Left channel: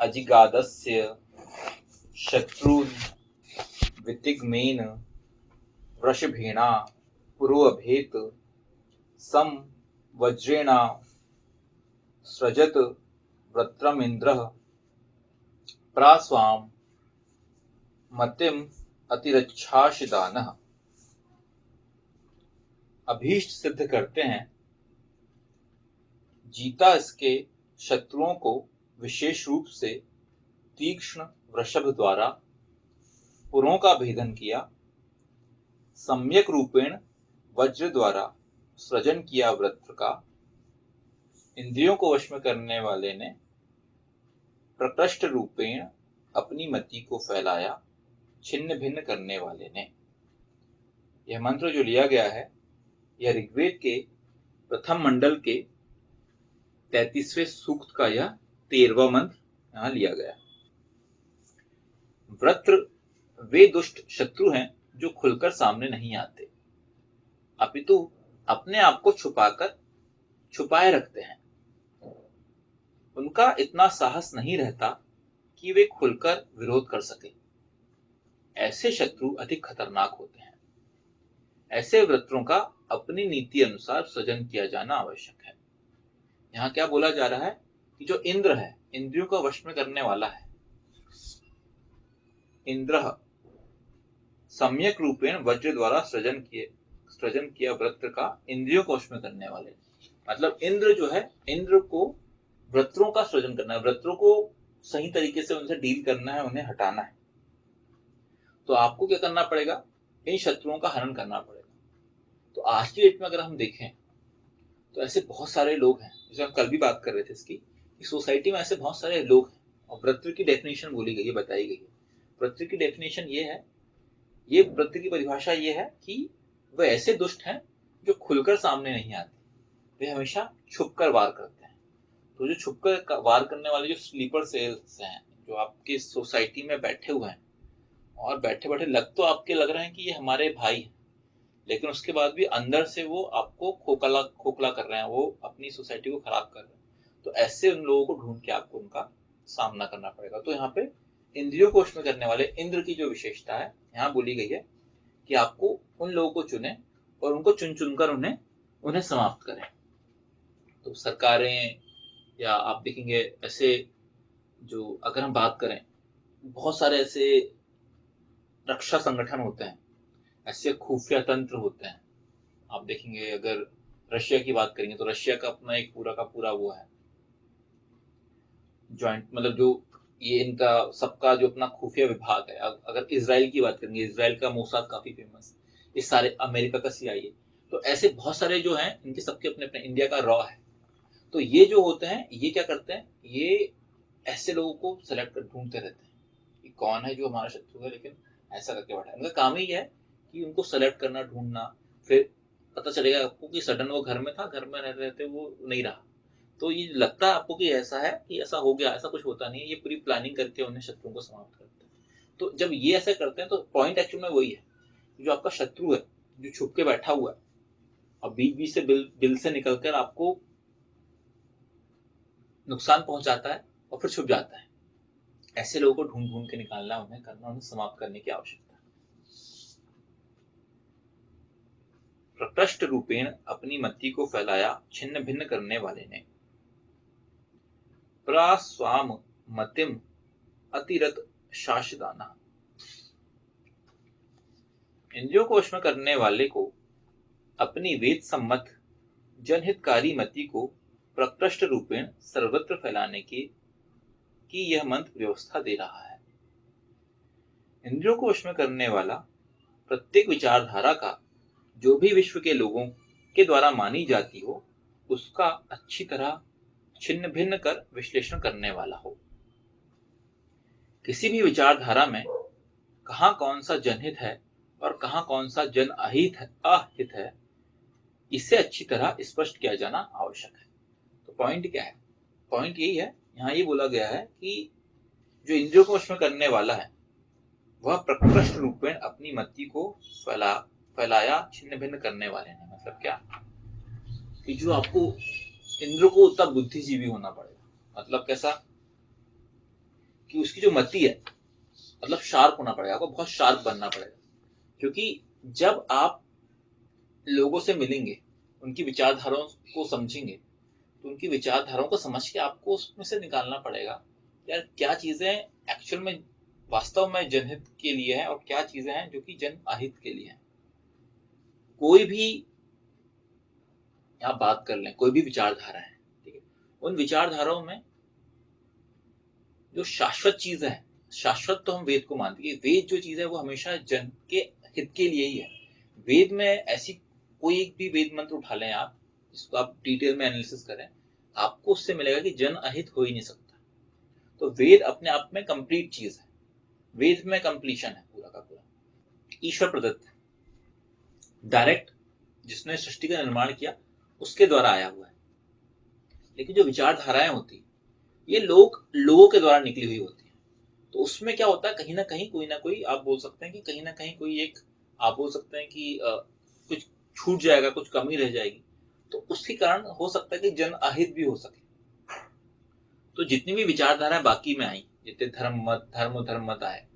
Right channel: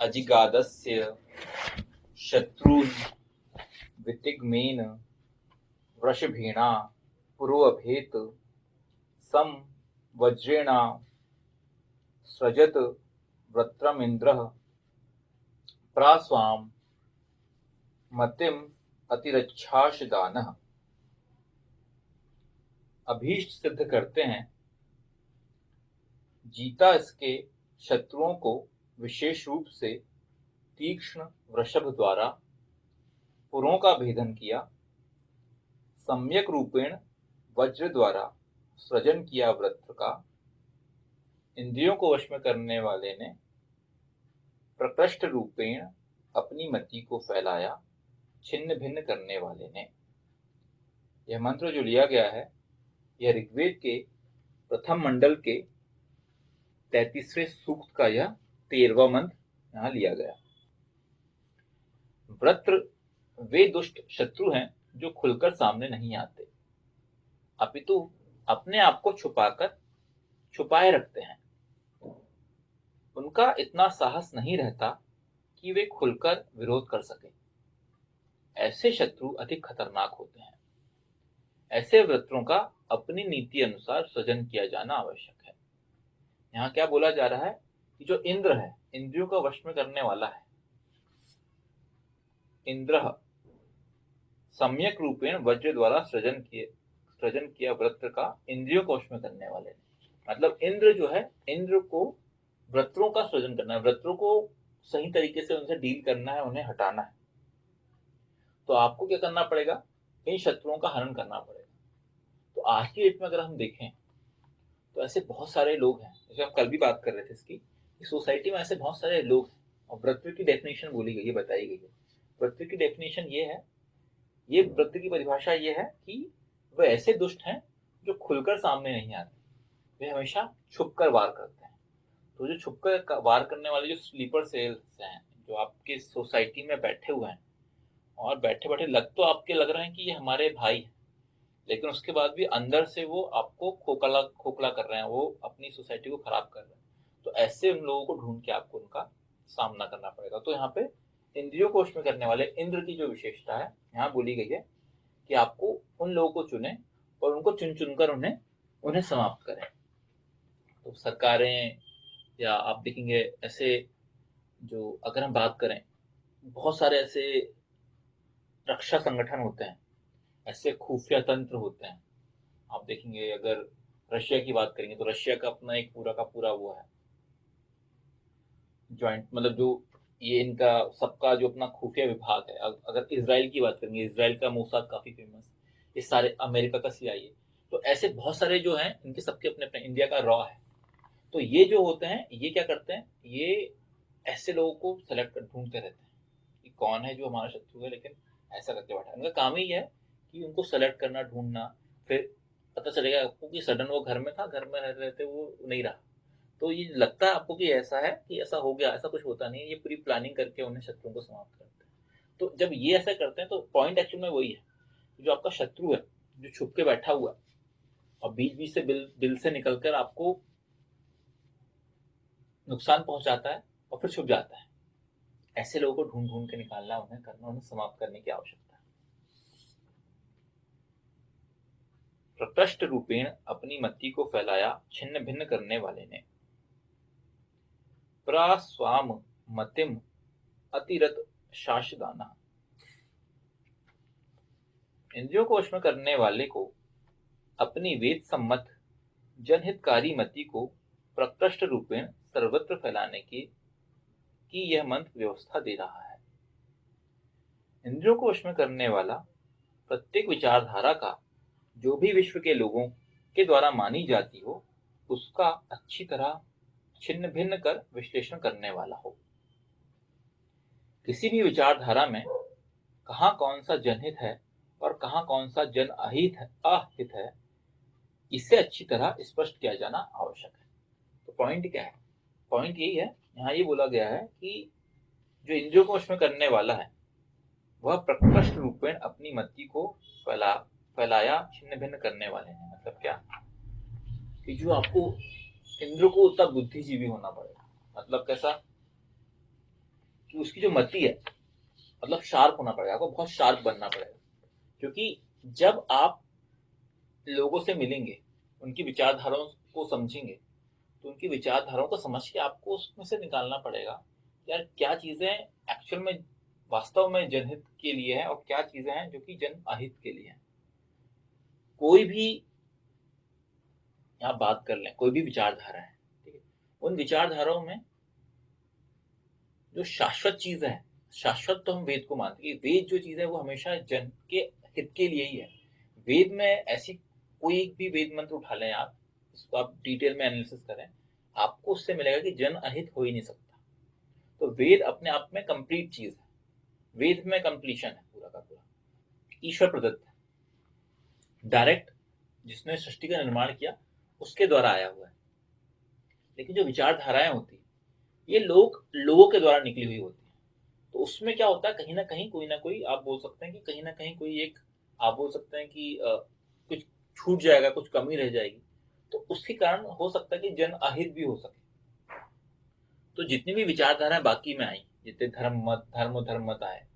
अजिगादस्य शत्रून् वितिग्मेन वृषभेणा पुरोऽभेत् सं वज्रेणा सृजत वृत्रमिन्द्रः प्रास्वाम मतिम अतिरच्छाशदानः। अभीष्ट सिद्ध करते हैं, जीता इसके शत्रुओं को विशेष रूप से तीक्ष्ण वृषभ द्वारा पुरों का भेदन किया, सम्यक रूपेण वज्र द्वारा सृजन किया वृत्र का, इंद्रियों को वश में करने वाले ने प्रकृष्ट रूपेण अपनी मति को फैलाया, छिन्न भिन्न करने वाले ने। यह मंत्र जो लिया गया है, यह ऋग्वेद के प्रथम मंडल के 33वें सूक्त का यह 13वां मंत्र यहां लिया गया। वृत्र वे दुष्ट शत्रु हैं जो खुलकर सामने नहीं आते, अपितु अपने आप को छुपाए रखते हैं। उनका इतना साहस नहीं रहता कि वे खुलकर विरोध कर सके। ऐसे शत्रु अधिक खतरनाक होते हैं। ऐसे वृत्रों का अपनी नीति अनुसार सृजन किया जाना आवश्यक है। यहाँ क्या बोला जा रहा है कि जो इंद्र है, इंद्रियों का वश में करने वाला है, इंद्र सम्यक रूपेण वज्र द्वारा सृजन किया वृत्र का, इंद्रियों को वश में करने वाले। मतलब इंद्र जो है, इंद्र को वृत्रों का सृजन करना है, वृत्रों को सही तरीके से उनसे डील करना है, उन्हें हटाना है। तो आपको क्या करना पड़ेगा? इन शत्रुओं का हरण करना पड़ेगा। तो आज की डेट में अगर हम देखें तो ऐसे बहुत सारे लोग हैं, जैसे हम कल भी बात कर रहे थे इसकी, सोसाइटी में ऐसे बहुत सारे लोग हैं। और वृत्र की डेफिनेशन बोली गई है, बताई गई है। वृत्र की डेफिनेशन ये है, ये वृत्र की परिभाषा ये है कि वह ऐसे दुष्ट हैं जो खुलकर सामने नहीं आते, वे हमेशा छुपकर वार करते हैं। तो जो छुपकर वार करने वाले जो स्लीपर सेल्स हैं, जो आपके सोसाइटी में बैठे हुए हैं और बैठे बैठे लग रहे हैं कि ये हमारे भाई हैं, लेकिन उसके बाद भी अंदर से वो आपको खोखला कर रहे हैं, वो अपनी सोसाइटी को खराब कर रहे हैं। तो ऐसे उन लोगों को ढूंढ के आपको उनका सामना करना पड़ेगा। तो यहाँ पे इंद्रियों को वश में करने वाले इंद्र की जो विशेषता है यहाँ बोली गई है कि आपको उन लोगों को चुने और उनको चुन चुनकर उन्हें समाप्त करें। तो सरकारें, या आप देखेंगे ऐसे, जो अगर हम बात करें, बहुत सारे ऐसे रक्षा संगठन होते हैं, ऐसे खुफिया तंत्र होते हैं। आप देखेंगे, अगर रशिया की बात करेंगे तो रशिया का अपना एक पूरा का पूरा वो है जॉइंट, मतलब जो ये इनका सबका जो अपना खुफिया विभाग है। अगर इजराइल की बात करेंगे, इजराइल का मोसाद काफी फेमस, ये सारे अमेरिका का CIA। तो ऐसे बहुत सारे जो हैं, इनके सबके अपने अपने, इंडिया का रॉ है। तो ये जो होते हैं, ये क्या करते हैं, ये ऐसे लोगों को सेलेक्ट कर ढूंढते रहते हैं कि कौन है जो हमारा शत्रु है, लेकिन ऐसा करके बैठा है। इनका काम ही है कि उनको सेलेक्ट करना, ढूंढना। फिर पता चलेगा आपको कि सडन वो घर में था, घर में रहते रहते वो नहीं रहा। तो ये लगता है आपको कि ऐसा है, कि ऐसा हो गया, ऐसा कुछ होता नहीं है। ये पूरी प्लानिंग करके उन्हें शत्रुओं को समाप्त करते हैं। तो जब ये ऐसा करते हैं तो पॉइंट एक्चुअल में वही है, जो आपका शत्रु है, जो छुप के बैठा हुआ है और बीच बीच से दिल से निकलकर आपको नुकसान पहुंचाता है और फिर छुप जाता है। ऐसे लोगों को ढूंढ ढूंढ के निकालना, उन्हें करना, उन्हें समाप्त करने की आवश्यकता है। प्रकृष्ट रूपेण अपनी मति को फैलाया, छिन्न भिन्न करने वाले ने, प्रास्वाम मतिम अतिरत शासदाना। इंद्रियों को वश में करने वाले को अपनी वेद सम्मत जनहितकारी मति को प्रकृष्ट रूपेण सर्वत्र फैलाने की यह मंत्र व्यवस्था दे रहा है। इंद्रियों को वश में करने वाला प्रत्येक विचारधारा का जो भी विश्व के लोगों के द्वारा मानी जाती हो, उसका अच्छी तरह छिन्न भिन्न कर विश्लेषण करने वाला हो। किसी भी विचारधारा में कहाँ कौन सा जनहित है और कहाँ कौन सा जन अहित है, इसे अच्छी तरह स्पष्ट किया जाना आवश्यक है। तो पॉइंट क्या है? पॉइंट यही है, यहाँ ये बोला गया है कि जो इंद्रियों को वश में करने वाला है, वह प्रकृष्ट रूपेण अपनी मति को फैलाया, छिन्न भिन्न करने वाले हैं। मतलब क्या कि जो आपको इंद्र को उतना बुद्धिजीवी होना पड़ेगा। मतलब कैसा कि उसकी जो मति है मतलब शार्प होना पड़ेगा, आपको बहुत शार्प बनना पड़ेगा। क्योंकि जब आप लोगों से मिलेंगे, उनकी विचारधाराओं को समझेंगे, तो उनकी विचारधाराओं को समझ के आपको उसमें से निकालना पड़ेगा यार क्या चीजें एक्चुअल में वास्तव में जनहित के लिए है और क्या चीजें हैं जो कि जन अहित के लिए है। कोई भी आप बात कर लें, कोई भी विचारधारा है, ठीक है, उन विचारधाराओं में जो शाश्वत चीज है, शाश्वत तो हम वेद को मानते हैं, वेद जो चीज है वो हमेशा जन के हित के लिए ही है। वेद में ऐसी कोई भी वेद मंत्र उठा लें आप, इसको आप डिटेल में एनालिसिस करें, आपको उससे मिलेगा कि जन अहित हो ही नहीं सकता। तो वेद अपने आप में कंप्लीट चीज है, वेद में कंप्लीशन है पूरा का पूरा, ईश्वर प्रदत्त है, डायरेक्ट जिसने सृष्टि का निर्माण किया उसके द्वारा आया हुआ है। लेकिन जो विचारधाराएं होती ये लोगों के द्वारा निकली हुई होती है। तो उसमें क्या होता है, कहीं ना कोई आप बोल सकते हैं कि कहीं ना कहीं कोई एक आप बोल सकते हैं कि कुछ छूट जाएगा, कुछ कमी रह जाएगी। तो उसके कारण हो सकता है कि जन अहित भी हो सके। तो जितनी भी विचारधाराएं बाकी में आई, जितने धर्म मत आए,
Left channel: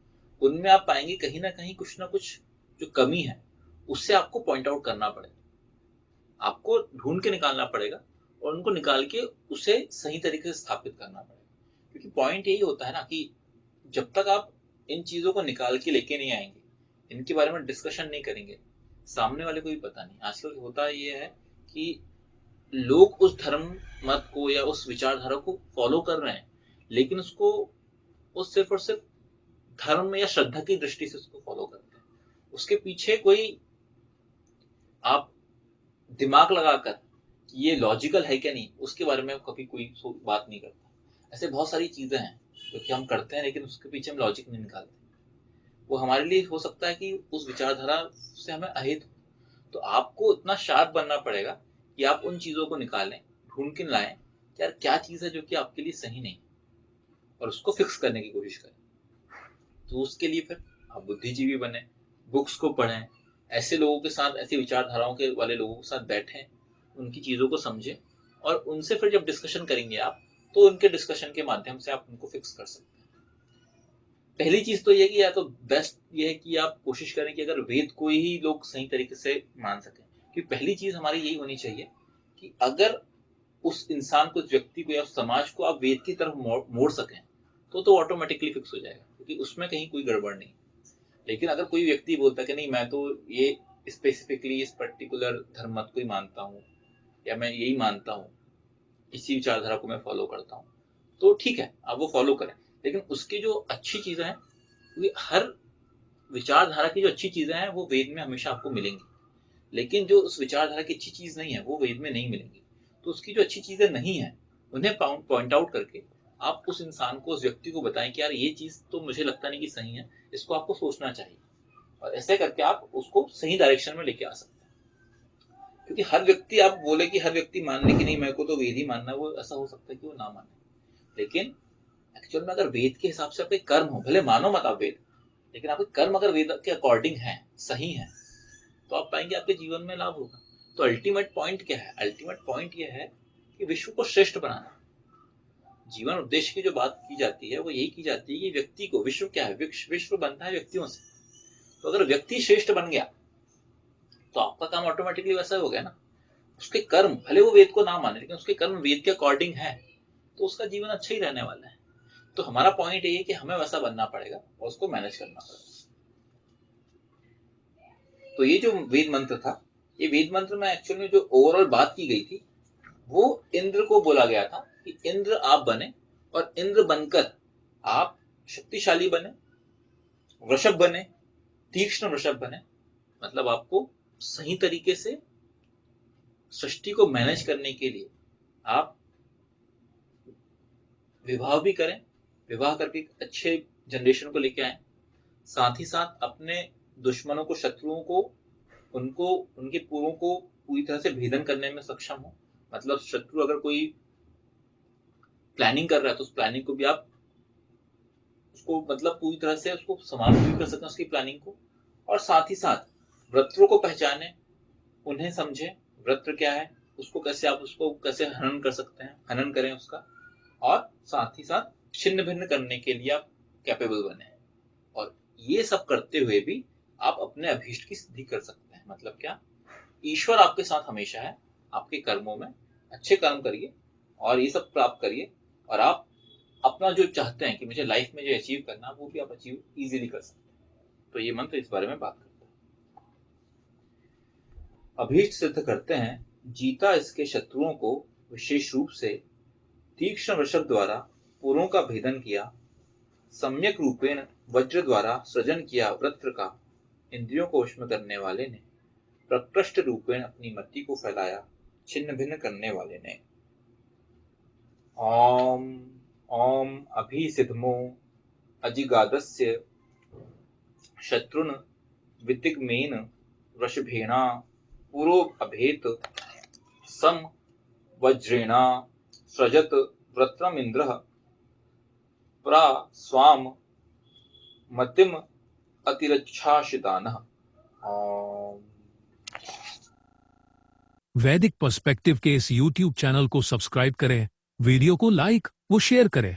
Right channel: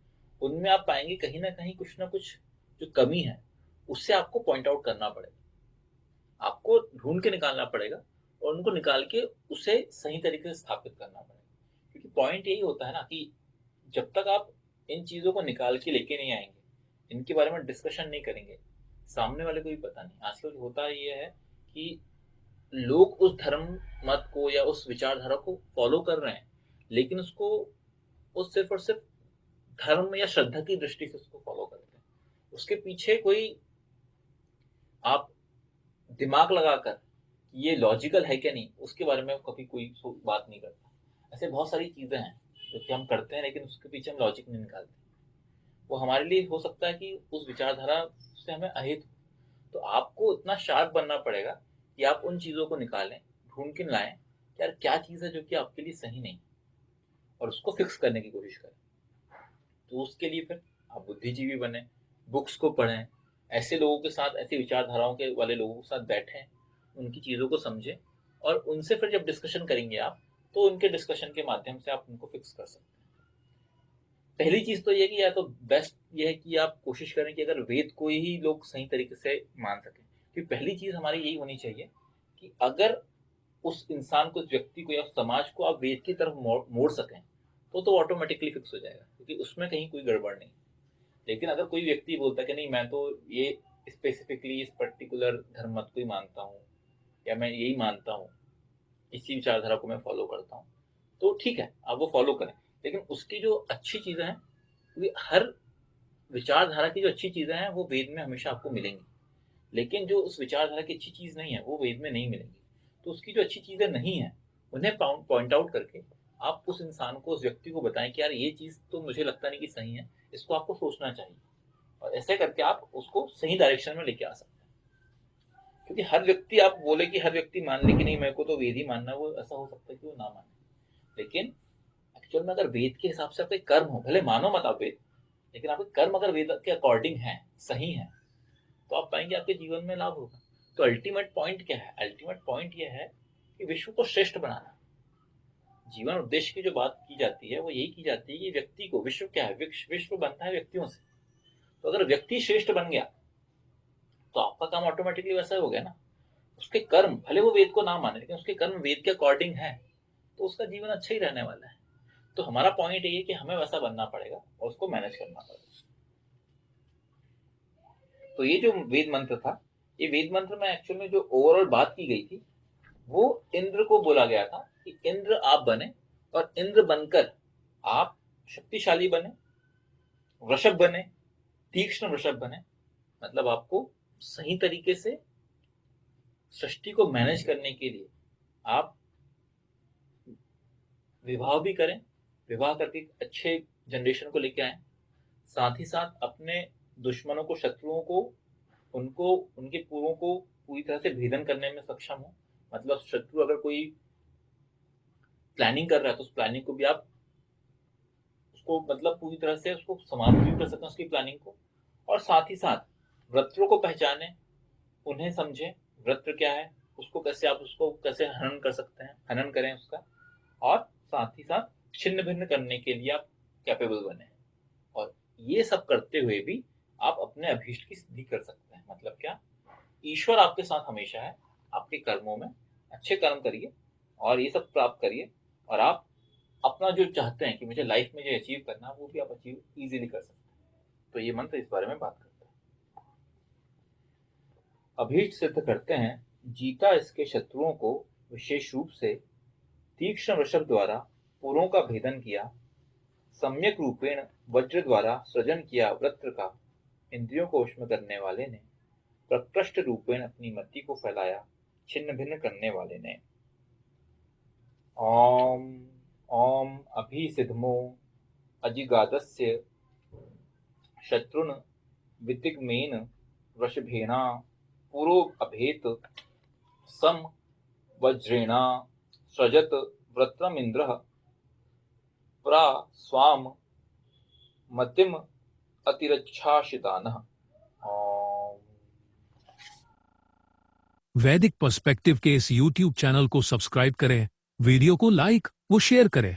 उनमें आप पाएंगे कहीं ना कहीं कुछ ना कुछ जो कमी है उससे आपको पॉइंट आउट करना पड़ेगा, आपको ढूंढ के निकालना पड़ेगा और उनको निकाल के उसे सही तरीके से स्थापित करना पड़ेगा। क्योंकि पॉइंट यही होता है ना कि जब तक आप इन चीजों को निकाल के लेके नहीं आएंगे, इनके बारे में डिस्कशन नहीं करेंगे, सामने वाले को भी पता नहीं। आजकल होता ये है कि लोग उस धर्म मत को या उस विचारधारा को फॉलो कर रहे हैं, लेकिन उसको उस सिर्फ और सिर्फ धर्म या श्रद्धा की दृष्टि से उसको फॉलो करते हैं। उसके पीछे कोई आप दिमाग लगाकर कि ये लॉजिकल है क्या नहीं, उसके बारे में कभी कोई बात नहीं करता। ऐसे बहुत सारी चीजें हैं जो कि हम करते हैं लेकिन उसके पीछे हम लॉजिक नहीं निकालते। वो हमारे लिए हो सकता है कि उस विचारधारा से हमें अहित हो। तो आपको इतना शार्प बनना पड़ेगा कि आप उन चीजों को निकालें, ढूंढ के लाएं कि यार क्या चीज है जो कि आपके लिए सही नहीं, और उसको फिक्स करने की कोशिश करें। तो उसके लिए फिर आप बुद्धिजीवी बने, बुक्स को पढ़ें, ऐसे लोगों के साथ, ऐसी विचारधाराओं के वाले लोगों के साथ बैठें, उनकी चीज़ों को समझें और उनसे फिर जब डिस्कशन करेंगे आप, तो उनके डिस्कशन के माध्यम से आप उनको फिक्स कर सकते हैं। पहली चीज तो ये कि या तो बेस्ट ये है कि आप कोशिश करें कि अगर वेद को ही लोग सही तरीके से मान सकें। कि पहली चीज हमारी यही होनी चाहिए कि अगर उस इंसान को, उस व्यक्ति को या उस समाज को आप वेद की तरफ मोड़ सकें तो ऑटोमेटिकली फिक्स हो जाएगा, क्योंकि उसमें कहीं कोई गड़बड़ नहीं। लेकिन अगर कोई व्यक्ति बोलता है कि नहीं मैं तो ये स्पेसिफिकली इस पर्टिकुलर धर्म मत को ही मानता हूँ या मैं यही मानता हूँ, इसी विचारधारा को मैं फॉलो करता हूँ, तो ठीक है आप वो फॉलो करें। लेकिन उसकी जो अच्छी चीजें हैं, क्योंकि हर विचारधारा की जो अच्छी चीजें हैं वो वेद में हमेशा आपको मिलेंगी, लेकिन जो उस विचारधारा की अच्छी चीज नहीं है वो वेद में नहीं मिलेंगी। तो उसकी जो अच्छी चीजें नहीं है उन्हें पॉइंट आउट करके आप उस इंसान को, उस व्यक्ति को बताएं कि यार ये चीज तो मुझे लगता नहीं कि सही है, इसको आपको सोचना चाहिए। और ऐसे करके आप उसको सही डायरेक्शन में लेके आ सकते हैं। क्योंकि हर व्यक्ति, आप बोले कि हर व्यक्ति मान ले कि नहीं मेरे को तो वेद ही मानना है, वो ऐसा हो सकता है कि वो ना माने। लेकिन एक्चुअल में अगर वेद के हिसाब से आपके कर्म हो, भले मानो मत आप वेद, लेकिन आपके कर्म अगर वेद के अकॉर्डिंग है, सही है, तो आप पाएंगे आपके जीवन में लाभ होगा। तो अल्टीमेट पॉइंट क्या है? अल्टीमेट पॉइंट यह है कि विश्व को श्रेष्ठ बनाना। जीवन उद्देश्य की जो बात की जाती है वो यही की जाती है कि व्यक्ति को, विश्व क्या है, विश्व बनता है व्यक्तियों से। तो अगर व्यक्ति श्रेष्ठ बन गया तो आपका काम ऑटोमेटिकली वैसा हो गया ना। उसके कर्म भले वो वेद को ना माने, लेकिन उसके कर्म वेद के अकॉर्डिंग है, तो उसका जीवन अच्छा ही रहने वाला है। तो हमारा पॉइंट ये है कि हमें वैसा बनना पड़ेगा और उसको मैनेज करना पड़ेगा। तो ये जो वेद मंत्र था, ये वेद मंत्र में एक्चुअल में जो ओवरऑल बात की गई थी वो इंद्र को बोला गया था कि इंद्र आप बने, और इंद्र बनकर आप शक्तिशाली बने, वृषभ बने, तीक्ष्ण वृषभ बने। मतलब आपको सही तरीके से सृष्टि को मैनेज करने के लिए आप विवाह भी करें, विवाह करके अच्छे जनरेशन को लेके आए, साथ ही साथ अपने दुश्मनों को, शत्रुओं को, उनको, उनके पूर्वों को पूरी तरह से भेदन करने में सक्षम हो। मतलब शत्रु अगर कोई प्लानिंग कर रहा है तो उस प्लानिंग को भी आप उसको मतलब पूरी तरह से उसको समाप्त भी कर सकें उसकी प्लानिंग को। और साथ ही साथ वृत्रों को पहचाने, उन्हें समझे, वृत्र क्या है, उसको कैसे, आप उसको कैसे हनन कर सकते हैं, हनन करें उसका। और साथ ही साथ छिन्न भिन्न करने के लिए आप कैपेबल बने। और ये सब करते हुए भी आप अपने अभीष्ट की सिद्धि कर सकते हैं। मतलब क्या, ईश्वर आपके साथ हमेशा है। आपके कर्मों में अच्छे कर्म करिए और ये सब प्राप्त करिए, और आप अपना जो चाहते हैं कि मुझे लाइफ में जो अचीव करना है वो भी आप अचीव इजीली कर सकते हैं। तो ये मंत्र इस बारे में बात करता है। अभीष्ट सिद्ध करते हैं, जीता इसके शत्रुओं को विशेष रूप से तीक्ष्ण वृषभ द्वारा पुरों का भेदन किया, सम्यक रूपेण वज्र द्वारा सृजन किया वृत्र का, इंद्रियों को वश में करने वाले ने, प्रकृष्ट रूपेण अपनी मति को फैलाया, छिन्न भिन्न करने वाले ने। ओम ओम अभिसिद्धमो अजिगादस्य शत्रुन वितिग्मेन वृषभेणा पुरो अभेत सम वज्रेणा सृजत वृत्रमिन्द्रः प्रा स्वाम मतिम अतिरच्छाशितानः। ओम। वैदिक पर्सपेक्टिव के इस YouTube चैनल को सब्सक्राइब करें, वीडियो को लाइक व शेयर करें।